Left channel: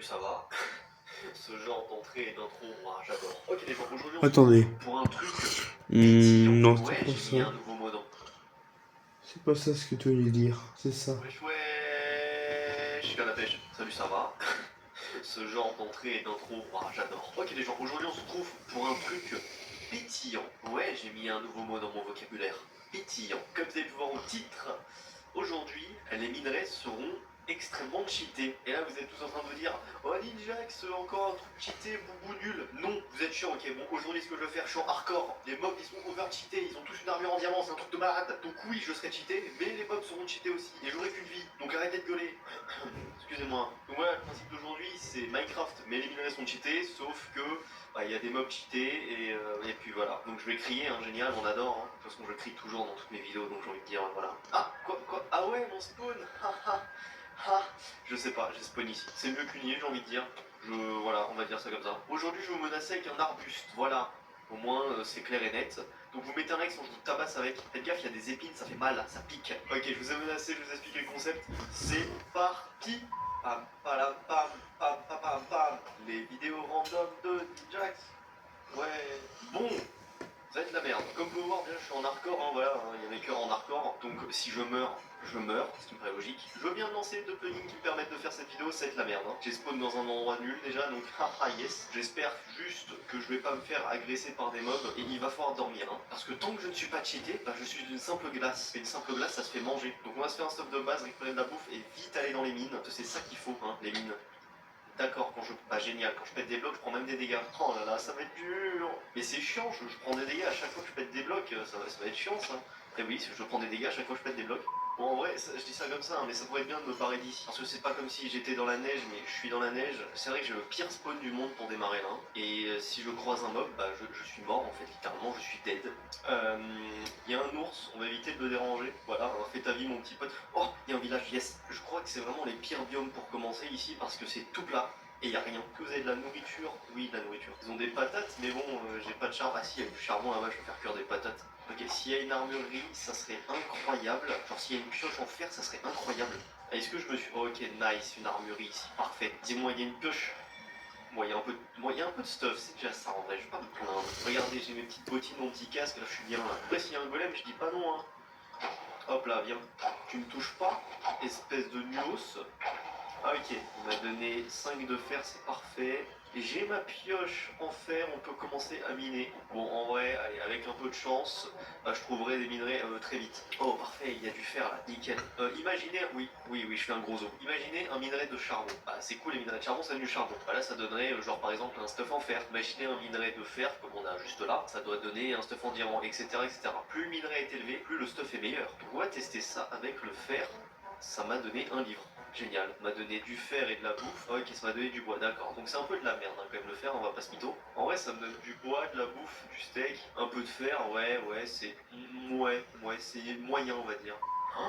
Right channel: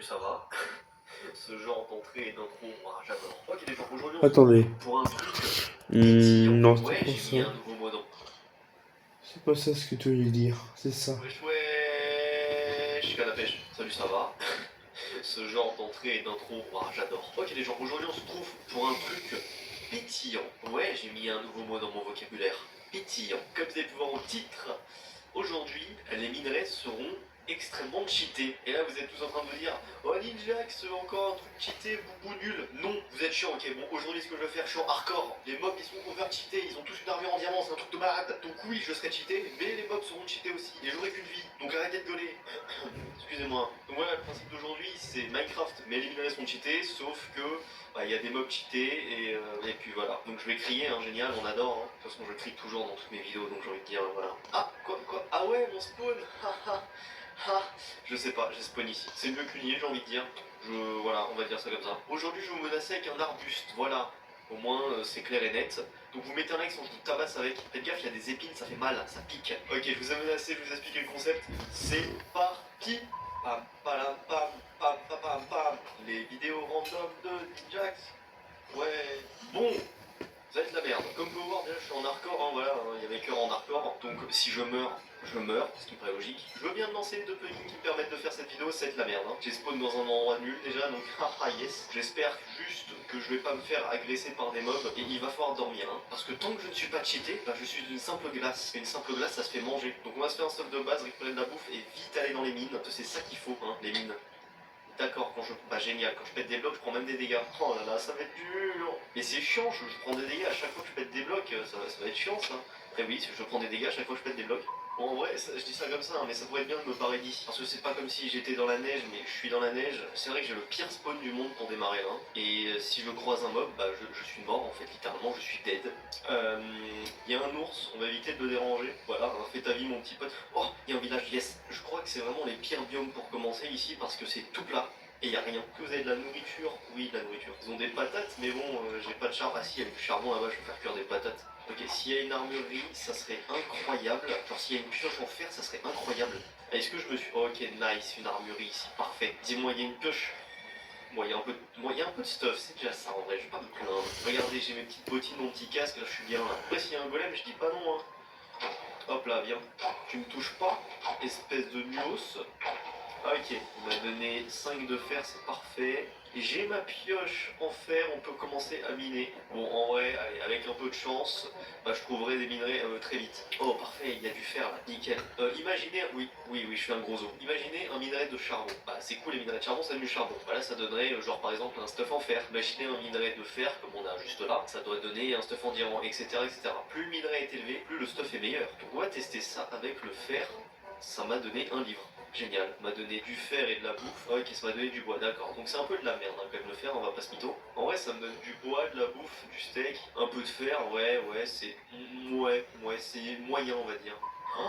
Ça va. Ce genre d'entrée et d'intro, moi j'adore. Ok les gens, aujourd'hui on se Attendez. retrouve pour un truc pétillant. Non, c'est Ouais, pas j'ai mis un ça. nouveau mot dans. C'est pas ça ce que tu voulais dire. C'est ça. Wesh wesh, je suis à la pêche. Salut, ça va. Ce genre d'entrée et d'intro, moi j'adore. Ok les gens, aujourd'hui on se retrouve pour un truc pétillant. Ouais, j'ai mis un nouveau mot dans mon vocabulaire. Pétillant. Comme vous avez pu voir au titre, aujourd'hui, les minerais seront extrêmement cheatés. Et là, vous êtes tous en train de vous dire, oh Ninjax, encore un truc cheaté, boubou nul. Non, vous êtes chiant, ok. Bon, aujourd'hui, ce que je vais faire, je suis en hardcore. Les mobs, ils sont over cheatés, ils ont tous une armure en diamant, c'est un truc de malade. Donc oui, je serai cheaté, mais les mobs seront cheatés aussi. Et j'aurai qu'une vie, donc arrêtez de gueuler. Excusez-moi. Donc voilà, le principe d'aujourd'hui, c'est Minecraft, mais les minerais sont cheatés, sauf que il y a des mobs cheatés et puis voilà. Donc je vais crier, hein, génial, on adore. Hein. De toute façon, je crie toujours dans toutes mes vidéos, donc j'ai envie de dire voilà. Ah, quoi Ah ouais, mon spawn Je sais pas, j'ai spawn ici. C'est mieux qu'une île, j'ai envie de dire. Voilà, on va dire ça comme ça. Aujourd'hui, je vais vous menacer avec un arbuste, voilà. Au moins, c'est clair et net. Donc vous mettez un like, sinon je vous tabasse avec. Faites gaffe, il y a des épines, ça fait mal, ça pique. Ok, je vous ai menacé, je vous ai expliqué le concept. C'est parti. Pam, palam, pam, pam, pam, pam, pam. Les vidéos random de Ninjax. Ouais. Bon, ça va être la merde. Comme vous pouvez voir, déjà, je suis en hardcore, hein, voilà, il y a des cœurs en hardcore. Donc si je meurs, ce qui me paraît logique. Je viens de lancer 2 plugins qui me permettent de faire cette vidéo, ça va être la merde. Hein. J'ai spawn dans un endroit nul déjà, donc haha yes. J'espère juste que je vais pas me faire agresser par des mobs et il va falloir dormir. Hein. Parce que tant que je ne suis pas cheaté, bah, je suis une simple glace. Et une simple glace, ça se fait manger. Donc on va se faire un stuff de base, récupérer de la bouffe et vite aller dans les mines. C'est ça qu'il faut, hein, les mines. D'accord, quand je. Bah génial, quand je pète des blocs, je prends même des dégâts. Oh là là, ça va être dur. Mais c'est chiant, je prends des dégâts à chaque fois que je pète des blocs, ça va être chiant ça. Et oui, je prends des dégâts à chaque fois que je pète des blocs. Bon, en vrai, je dis ça comme ça, hein, mais ça pourrait être bien de me parer d'ici. Parce que c'est pas comme si j'étais dans la neige, mais je suis dans la neige. C'est vrai que j'ai le pire spawn du monde pour démarrer là. Et si je croise un mob, bah je suis mort en fait, littéralement, je suis dead. Il y a un ours, on va éviter de le déranger. Voilà, hein, fais ta vie mon petit pote. Oh, il y a un village, yes. Je crois que c'est vraiment les pires biomes pour commencer ici parce que c'est tout plat. Et il n'y a rien. Que vous avez de la nourriture? Oui, de la nourriture. Ils ont des patates, mais bon, j'ai pas de charbon. Ah si, il y a du charbon là-bas, je vais faire cuire des patates. Ok, s'il y a une armurerie, ça serait incroyable. Genre s'il y a une pioche en fer, ça serait incroyable. Est-ce que je me suis... Ok, nice, une armurerie ici. Parfait. Dis-moi, il y a une pioche. Bon, il y a un peu de stuff, c'est déjà ça en vrai, je vais pas me plaindre. Regardez, j'ai mes petites bottines, mon petit casque, là je suis bien là. Après, s'il y a un golem, je dis pas non, hein. Hop là, viens. Tu me touches pas, espèce de nuos. Ah, ok, on m'a donné 5 de fer, c'est parfait. J'ai ma pioche en fer, on peut commencer à miner. Bon, en vrai, allez, avec un peu de chance, bah, je trouverai des minerais très vite. Oh, parfait, il y a du fer là, nickel. Imaginez, oui, je suis un gros os. Imaginez un minerai de charbon. Bah, c'est cool, les minerais de charbon, ça donne du charbon. Bah, là, ça donnerait, genre par exemple, un stuff en fer. Imaginez un minerai de fer, comme on a juste là, ça doit donner un stuff en diamant, etc., etc. Plus le minerai est élevé, plus le stuff est meilleur. Donc, on va tester ça avec le fer. Ça m'a donné un livre. Génial, m'a donné du fer et de la bouffe. Ok, ça m'a donné du bois, d'accord. Donc c'est un peu de la merde hein, quand même le fer, on va pas se mytho. En vrai, ça me donne du bois, de la bouffe, du steak, un peu de fer, ouais, c'est. Ouais, c'est moyen, on va dire. Oh,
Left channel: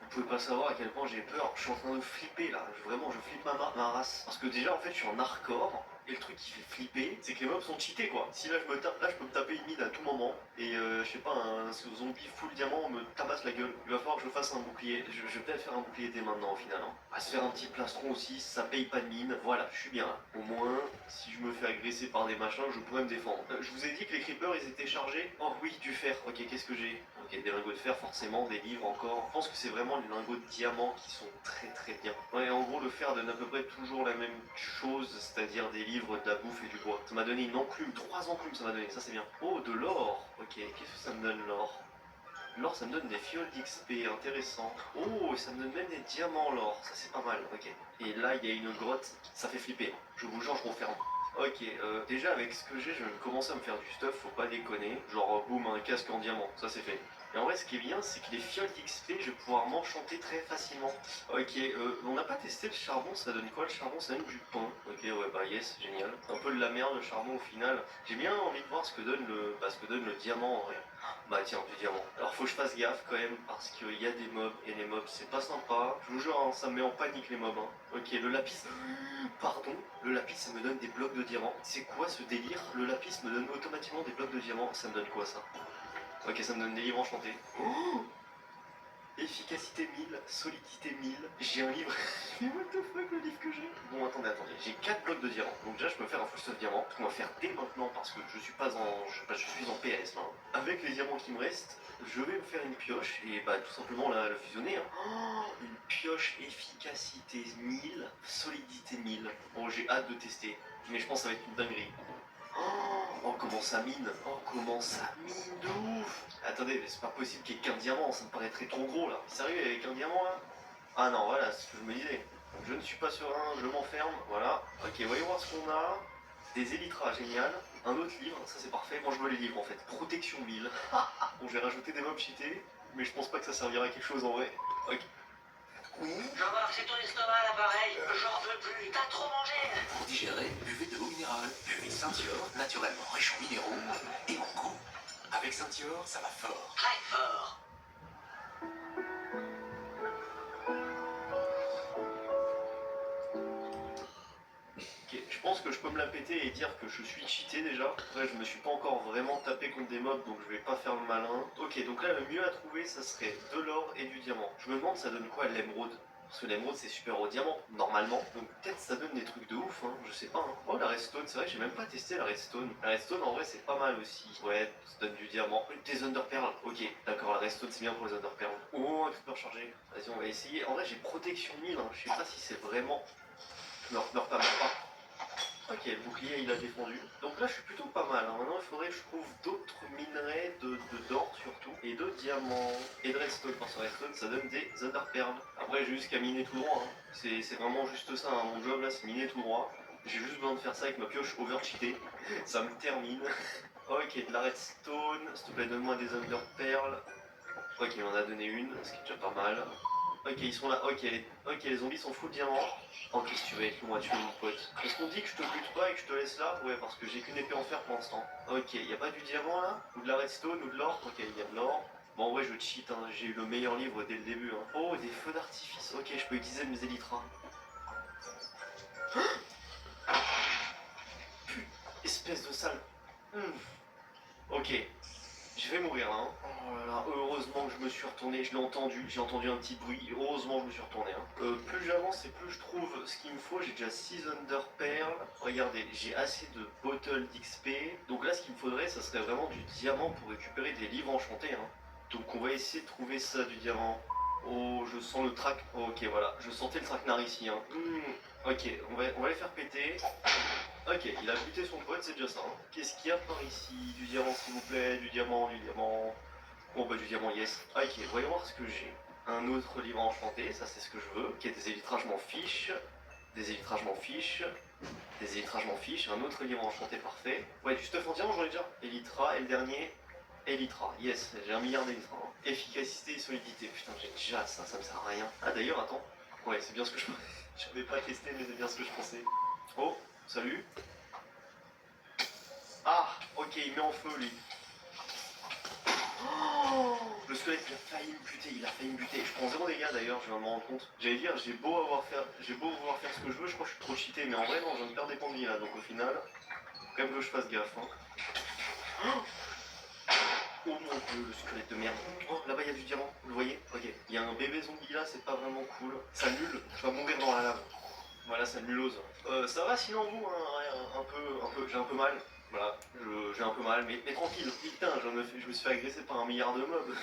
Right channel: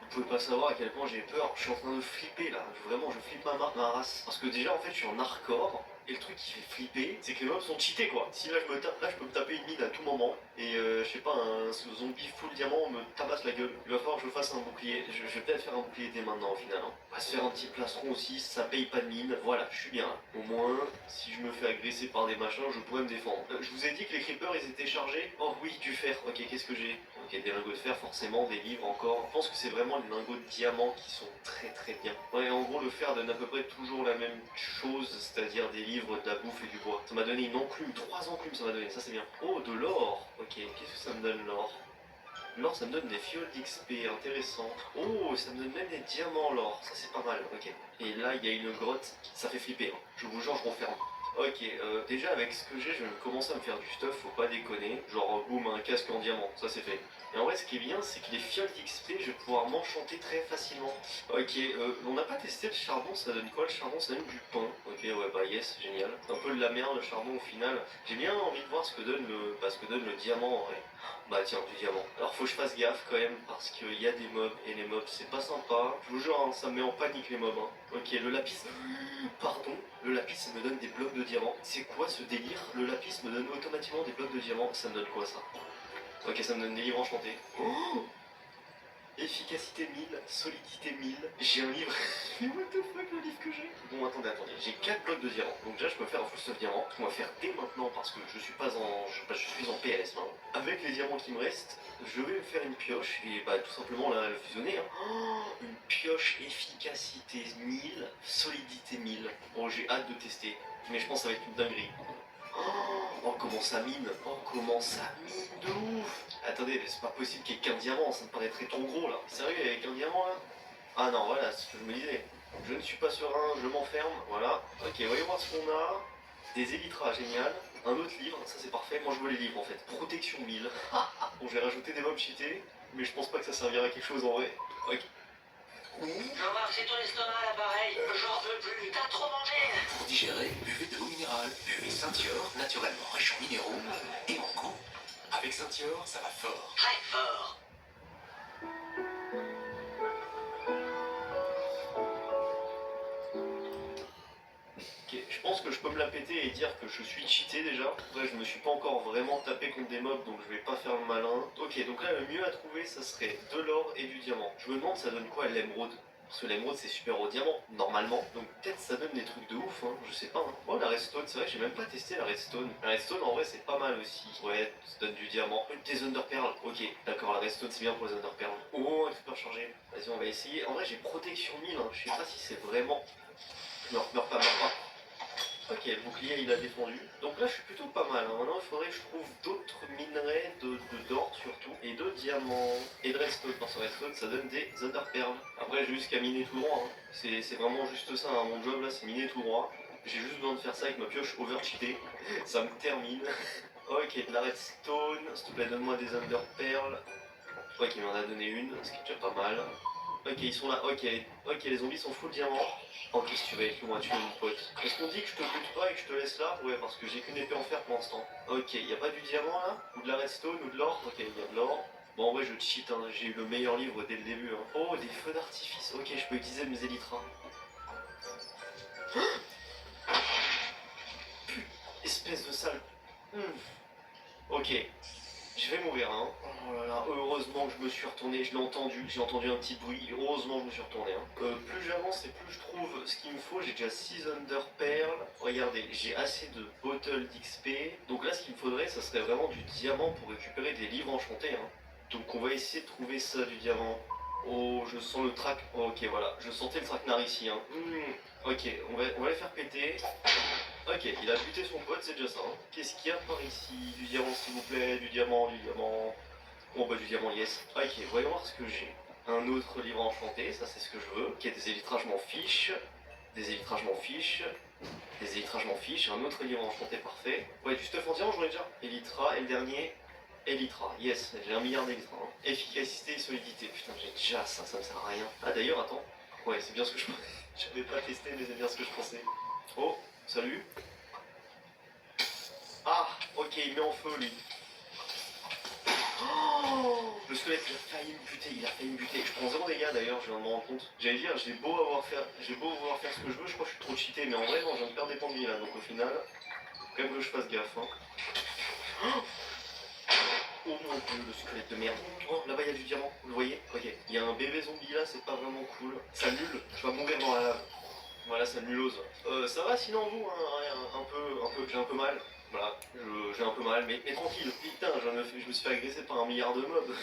vous pouvez pas savoir à quel point j'ai peur. Je suis en train de flipper là. Vraiment, je flippe ma race. Parce que déjà, en fait, je suis en hardcore. Et le truc qui fait flipper, c'est que les mobs sont cheatés quoi. Si là je me tape, là je peux me taper une mine à tout moment. Et je sais pas, un zombie full diamant me tabasse la gueule. Il va falloir que je fasse un bouclier. Je vais peut-être faire un bouclier dès maintenant au final. Hein. On va se faire un petit plastron aussi, ça paye pas de mine. Voilà, je suis bien là. Au moins, si je me fais agresser par des machins, je pourrais me défendre. Je vous ai dit que les creepers ils étaient chargés. Oh oui, du fer. Ok, qu'est-ce que j'ai? Ok, des lingots de fer forcément, des livres encore. Je pense que c'est vraiment les lingots de diamant qui sont très bien. Ouais, en gros, le fer donne à peu près toujours la même chose, c'est-à-dire des livres, de la bouffe et du bois. Ça m'a donné une enclume, 3 enclumes ça m'a donné, ça c'est bien. Oh, de l'or. Ok, qu'est-ce que ça me donne l'or? L'or, ça me donne des fioles d'XP, intéressant. Oh, ça me donne même des diamants l'or, ça c'est pas mal, ok. Et là, il y a une grotte, ça fait flipper. Hein. Je vous jure, je confirme. Ok, déjà avec ce que j'ai, je vais commencer à me faire du stuff, faut pas déconner. Genre, boum, un casque en diamant, ça c'est fait. Et en vrai, ce qui est bien, c'est que les fioles d'XP, je vais pouvoir m'enchanter très facilement. Ok, on n'a pas testé le charbon, ça donne quoi le charbon? Ça donne du pain. Ok, ouais, bah yes, génial. Un peu de la merde le charbon au final. J'ai bien envie de voir ce que donne le diamant en vrai. Bah tiens, du diamant. Alors faut que je fasse gaffe quand même, parce qu'il y a des mobs, et les mobs c'est pas sympa. Je vous jure, hein, ça me met en panique les mobs. Hein. Ok, le lapis... Pardon, le lapis ça me donne des blocs de diamant. C'est quoi ce délire? Le lapis me donne automatiquement des blocs de diamant. Ça me donne quoi ça? Ok, ça me donne des livres enchantés. Oh, Efficacité 1000, solidité 1000. J'ai un livre. Mais what the fuck le livre que j'ai? Bon, attendez. J'ai 4 blocs de diamants. Donc déjà, je peux faire un full stuff diamant. On va faire dès maintenant parce que je suis pas en. Je suis en PLS maintenant. Avec les diamants qui me restent, je vais me faire une pioche et bah tout simplement la fusionner. Hein. Oh, une pioche efficacité 1000, solidité 1000. Bon, j'ai hâte de tester. Mais je pense que ça va être une dinguerie. Oh, comment ça mine! Oh, comment ça mine de ouf! Attendez, mais c'est pas possible qu'il y ait qu'un diamant, ça me paraîtrait trop gros là. Sérieux, avec un diamant là? Ah non, voilà, c'est ce que je me disais. Je ne suis pas serein, je m'enferme, voilà. Ok, voyons voir ce qu'on a. Des élytras, génial. Un autre livre, ça c'est parfait. Moi je veux les livres en fait. Protection 1000. Bon, j'ai rajouté des mobs cheatés, mais je pense pas que ça servira à quelque chose en vrai. Ok. Jean-Marc, c'est ton estomac là pareil. J'en veux plus, t'as trop mangé. Pour digérer, buvez de l'eau minérale. Buvez Saint-Yor, naturellement riche en minéraux et en goût. Avec Saint-Yor, ça va fort. Très fort. Ok, je pense que je peux me la péter et dire que je suis cheaté déjà. Après, je me suis pas encore vraiment tapé contre des mobs, donc je vais pas faire le malin. Ok, donc là, le mieux à trouver, ça serait de l'or et du diamant. Je me demande, ça donne quoi l'émeraude? Parce que l'émeraude, c'est super au diamant, normalement. Donc peut-être ça donne des trucs de ouf, hein, je sais pas. Hein. Oh, la redstone, c'est vrai que j'ai même pas testé la redstone. La redstone, en vrai, c'est pas mal aussi. Ouais, ça donne du diamant. Des underpearls, ok. D'accord, la redstone, c'est bien pour les underpearls. Oh, un creeper chargé. Vas-y, on va essayer. En vrai, j'ai protection 1000, hein. Je sais pas si c'est vraiment... Non, meurs pas, meurs pas. Ok, le bouclier il a défendu. Donc là je suis plutôt pas mal. Hein. Maintenant il faudrait que je trouve d'autres minerais, d'or surtout, et de diamants, et de redstone. Parce que redstone ça donne des underpearls. Après j'ai juste qu'à miner tout droit. Hein. C'est vraiment juste ça. Hein. Mon job là c'est miner tout droit. J'ai juste besoin de faire ça avec ma pioche overcheatée. Ça me termine. Ok, de la redstone. S'il te plaît donne-moi des underpearls. Je crois qu'il m'en a donné une, ce qui est déjà pas mal. Ok, ils sont là, ok, les zombies sont full diamant. Oh, qu'est-ce que tu vas être loin, tu es mon pote. Est-ce qu'on dit que je te bute pas et que je te laisse là? Ouais, parce que j'ai qu'une épée en fer pour l'instant. Ok, y a pas du diamant là? Ou de la redstone ou de l'or? Ok, il y a de l'or. Bon, en vrai, je cheat, hein. J'ai eu le meilleur livre dès le début. Hein. Oh, des feux d'artifice. Ok, je peux utiliser mes élytras. Espèce de sale. Ok, je vais mourir, hein. Oh là là, heureusement que je me suis retourné, je l'ai entendu, j'ai entendu un petit bruit, heureusement que je me suis retourné. Hein. Plus j'avance et plus je trouve ce qu'il me faut, j'ai déjà 6 underpearls. Regardez, j'ai assez de bottles d'XP. Donc là, ce qu'il me faudrait, ça serait vraiment du diamant pour récupérer des livres enchantés. Hein. Donc on va essayer de trouver ça, du diamant. Oh, je sens le track. Oh, ok, voilà, je sentais le traquenard ici. Hein. Ok, on va les faire péter. Ok, il a buté son pote, c'est déjà ça. Hein. Qu'est-ce qu'il y a par ici? Du diamant s'il vous plaît, du diamant, du diamant. Bon bah du diamant, yes. Ok, voyons voir ce que j'ai. Un autre livre enchanté, ça c'est ce que je veux. Ok, des élytras, je m'en fiche. Des élytras, je m'en fiche. Des élytras, je m'en fiche. Un autre livre enchanté, parfait. Ouais, du stuff en diamant, j'en ai déjà. Élytra, et le dernier, Élytra. Yes, j'ai 1 milliard d'élytras. Hein. Efficacité et solidité. Putain, j'ai déjà ça, ça me sert à rien. Ah d'ailleurs, attends. Ouais, c'est bien ce que je pensais. J'avais pas testé, mais c'est bien ce que je pensais. Oh, salut. Ah, ok, il met en feu lui. Oh, le squelette il a failli me buter. Je prends 0 dégâts d'ailleurs, je viens de me rendre compte. J'allais dire, j'ai beau vouloir faire ce que je veux, je crois que je suis trop cheaté, mais en vrai, non, j'en perds des points de vie là, donc au final, faut quand même que je fasse gaffe. Hein. Oh mon dieu, le squelette de merde. Oh, là-bas il y a du diamant, vous le voyez? Ok, il y a un bébé zombie là, c'est pas vraiment cool. Ça nul, je vais mourir dans la lave. Voilà, ça nulose. Ça va sinon vous, hein, j'ai un peu mal. Voilà, j'ai un peu mal, mais tranquille. Putain, je me suis fait agresser par 1 milliard de mobs.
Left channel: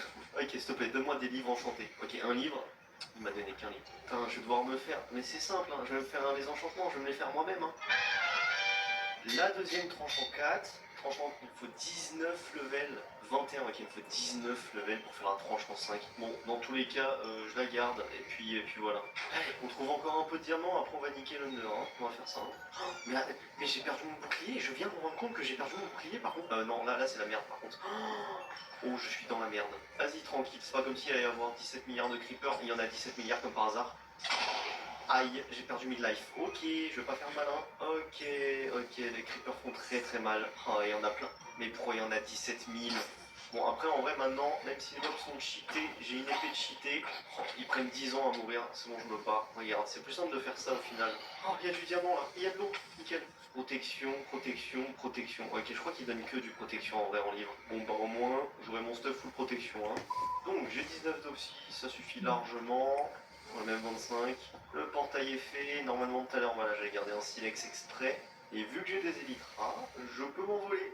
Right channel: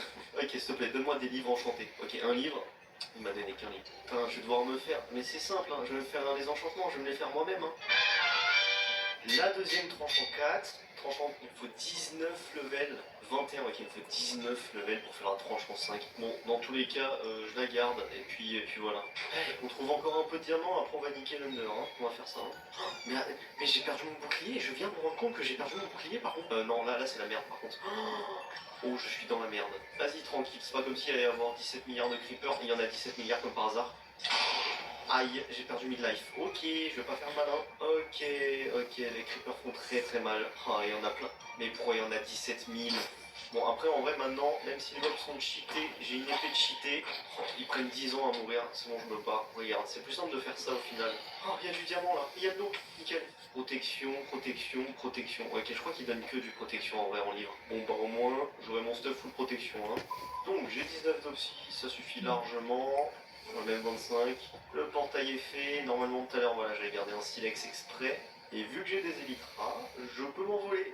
Ok, s'il te plaît, donne-moi des livres enchantés. Ok, un livre. Il m'a donné qu'un livre. Putain, je vais devoir me faire. Mais c'est simple, hein, je vais me faire des enchantements, je vais me les faire moi-même. Hein. La deuxième tranche en 4. Tranche en... Il me faut 19 levels. 21, ok, il me faut 19 levels pour faire la tranche en 5. Bon, dans tous les cas, je la garde, et puis voilà. Allez, on trouve encore un peu de diamant, après on va niquer l'honneur, hein. On va faire ça. Hein. Oh, mais j'ai perdu mon bouclier, je viens de me rendre compte que j'ai perdu mon bouclier par contre. Non, là c'est la merde par contre. Oh, je suis dans la merde. Vas-y, tranquille, c'est pas comme s'il allait y avoir 17 milliards de creepers, il y en a 17 milliards comme par hasard. Aïe, j'ai perdu midlife. Ok, je vais pas faire malin. Ok, les creepers font très très mal. Oh, il y en a plein. Mais pourquoi il y en a 17 000? Bon, après, en vrai, maintenant, même si les mobs sont cheatés, j'ai une épée de cheatée. Oh, ils prennent 10 ans à mourir, sinon je me bats. Regarde, c'est plus simple de faire ça au final. Oh, il y a du diamant là, il y a de l'eau, nickel. Protection, protection, protection. Ok, je crois qu'il donne que du protection en vrai en livre. Bon, bah au moins, j'aurai mon stuff full protection. Hein. Donc, j'ai 19 d'opsie, ça suffit largement. Même 25. Le portail est fait. Normalement, tout à l'heure, voilà, j'avais gardé un silex exprès. Et vu que j'ai des élytras, je peux m'envoler.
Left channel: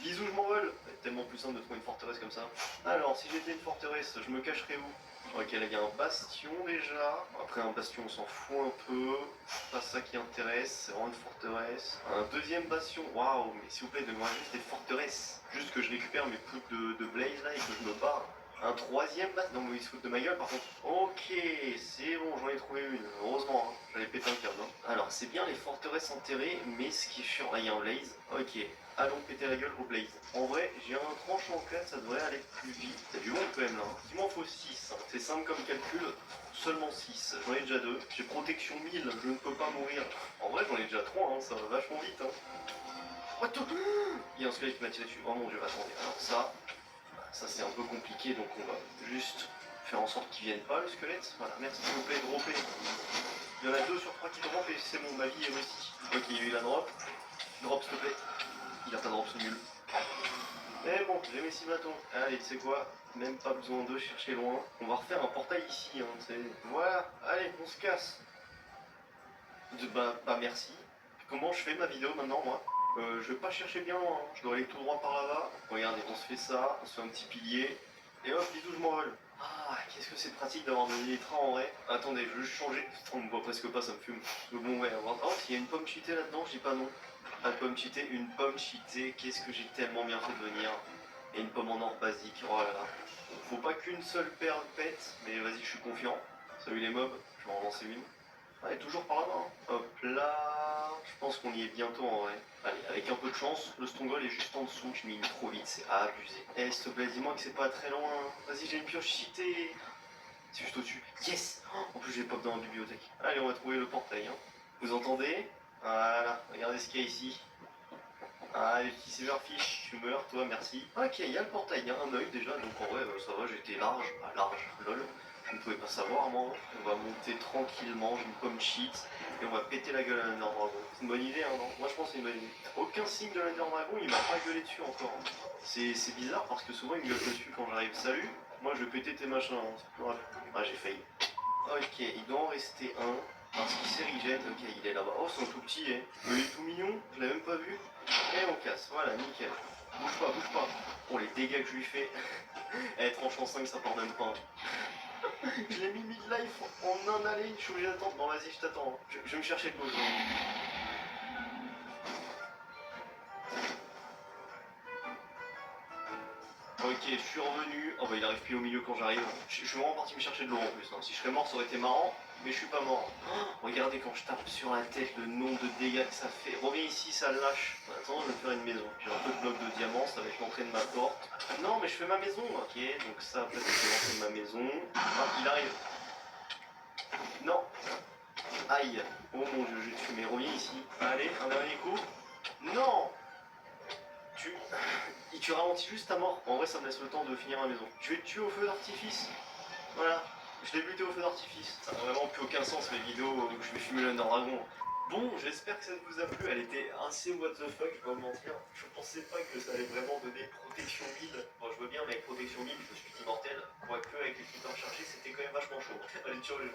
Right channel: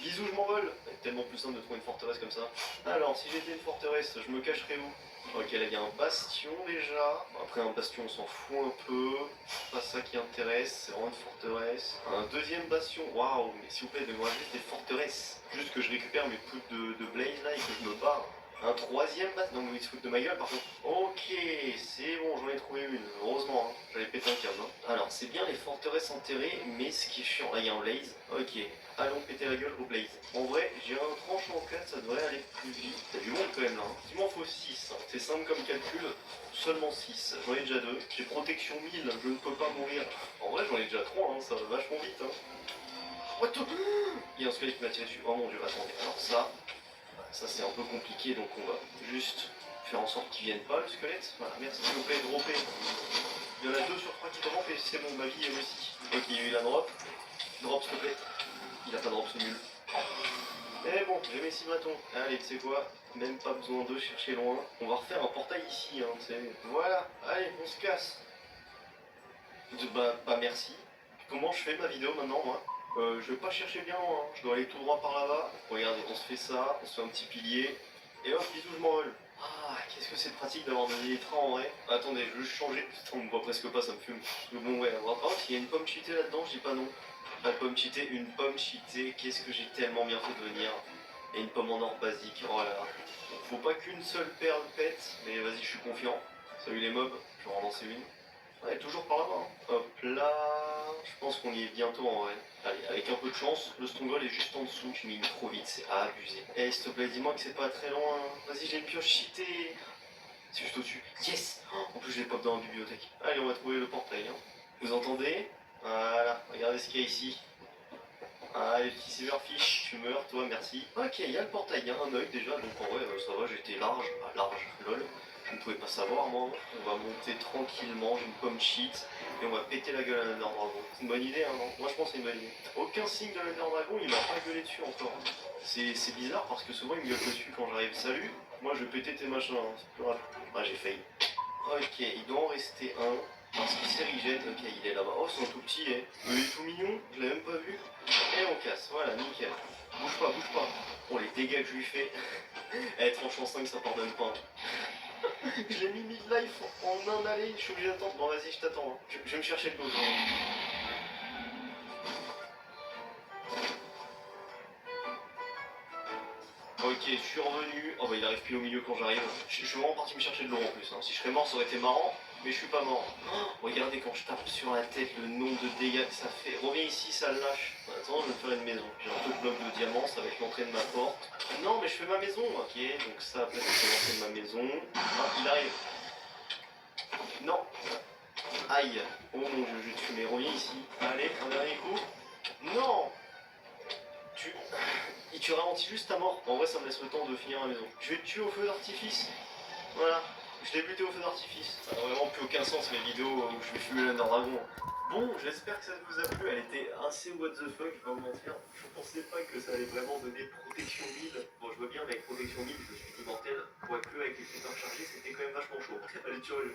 Bisous, je m'envole. C'est tellement plus simple de trouver une forteresse comme ça. Alors, si j'étais une forteresse, je me cacherais où? Ok, là, il y a un bastion déjà. Après, un bastion, on s'en fout un peu. C'est pas ça qui intéresse, c'est vraiment une forteresse. Un deuxième bastion. Waouh, mais s'il vous plaît, donnez-moi juste des forteresses. Juste que je récupère mes poudres de blaze là et que je me barre. Un troisième bastion. Non, mais il se fout de ma gueule par contre. Ok, c'est bon, j'en ai trouvé une. Heureusement, hein. J'avais pété un câble. Hein. Alors, c'est bien les forteresses enterrées, mais ce qui est chiant, là, il y a un blaze. Ok. Allons péter la gueule au blaze. En vrai, j'ai un tranchant en 4, ça devrait aller plus vite. T'as du monde quand même là. Hein. Il m'en faut 6. Hein. C'est simple comme calcul. Seulement 6. J'en ai déjà 2. J'ai protection 1000, je ne peux pas mourir. En vrai, j'en ai déjà 3, hein. Ça va vachement vite. Hein. What the... Il y a un squelette qui m'a tiré dessus. Oh mon dieu, attendez. Alors ça c'est un peu compliqué, donc on va juste faire en sorte qu'il vienne pas le squelette. Voilà, merci s'il vous plaît, dropper. Il y en a 2 sur 3 qui drop et c'est bon, ma vie est aussi. Ok, il y a eu la drop. Drop s'il te plaît. Il a pas de drop, c'est nul. Mais bon, j'ai mes 6 bâtons. Allez, tu sais quoi? Même pas besoin de chercher loin. On va refaire un portail ici, hein, tu sais. Voilà, allez, on se casse. Bah merci. Comment je fais ma vidéo maintenant, moi? Je vais pas chercher bien loin, hein. Je dois aller tout droit par là-bas. Regardez, on se fait ça, on se fait un petit pilier. Et hop, bisous, je m'envole. Ah, qu'est-ce que c'est pratique d'avoir des élytras en vrai. Attendez, je veux juste changer. Putain, on me voit presque pas, ça me fume. Donc bon, ouais, oh, s'il y a une pomme cheatée là-dedans, je dis pas non. Pas de pomme cheatée, une pomme cheatée. Qu'est-ce que j'ai tellement bien fait de venir. Et une pomme en or basique, oh là là. Faut pas qu'une seule perle pète, mais vas-y, je suis confiant. Salut les mobs, je vais en lancer une. Ouais, toujours par là-bas. Hein. Hop là, je pense qu'on y est bientôt en vrai. Allez, avec un peu de chance, le stongle est juste en dessous. Je mine trop vite, c'est abusé. Eh, s'il te plaît, dis-moi que c'est pas très loin. Vas-y, j'ai une pioche cheatée. C'est juste au-dessus. Yes. En plus, j'ai pop dans la bibliothèque. Allez, on va trouver le portail. Hein. Vous entendez? Voilà, regardez ce qu'il y a ici. Ah, les petits silverfish, tu meurs, toi, merci. Ok, il y a le portail, il y a un œil déjà, donc en vrai, ça va, j'étais large. Ah, large, lol. Je ne pouvais pas savoir, moi. On va monter tranquillement, j'ai une pomme cheat, et on va péter la gueule à l'Ender Dragon. C'est une bonne idée, hein, non? Moi, je pense que c'est une bonne idée. Aucun signe de l'Ender Dragon, il m'a pas gueulé dessus encore. C'est bizarre, parce que souvent, il me gueule dessus quand j'arrive. Salut, moi, je vais péter tes machins, hein. C'est plus rapide. Ah, j'ai failli. Ok, il doit en rester un. Parce qu'il s'est rejette, ok, il est là-bas. Oh, c'est un tout petit, eh. Mais il est tout mignon, je l'ai même pas vu. Et on casse, voilà, nickel. Bouge pas, bouge pas. Oh, les dégâts que je lui fais. Eh, tranchant 5, ça pardonne pas. Je l'ai mis mid-life en un aller, je suis obligé d'attendre. Bon, vas-y, je t'attends. Hein. Je vais me chercher de l'eau. Ok, je suis revenu. Oh bah il arrive plus au milieu quand j'arrive. Je suis vraiment parti me chercher de l'eau en plus. Hein. Si je serais mort, ça aurait été marrant, mais je suis pas mort. Oh, regardez quand je tape sur la tête le nombre de dégâts que ça fait. Reviens ici, ça lâche. Attends, je vais me faire une maison. J'ai un peu de bloc de diamant, ça va être l'entrée de ma porte. Non, mais je fais ma maison. Ok, donc ça, après, c'est l'entrée de ma maison. Ah, il arrive. Non. Aïe. Oh mon dieu, je vais te fumer. Reviens ici. Allez, un dernier coup. Non. Tu ralentis juste ta mort. En vrai, ça me laisse le temps de finir la maison. Je vais te tuer au feu d'artifice. Voilà. Je l'ai buté au feu d'artifice. Ça n'a vraiment plus aucun sens, mes vidéos où je vais fumer l'Under Dragon. Bon, j'espère que ça vous a plu. Elle était assez what the fuck, je vais pas vous mentir. Je pensais pas que ça allait vraiment donner protection 1000. Bon, je veux bien, mais avec protection 1000, je suis immortel. Quoique, avec les critères chargés, c'était quand même vachement chaud. Allez, ciao les gens.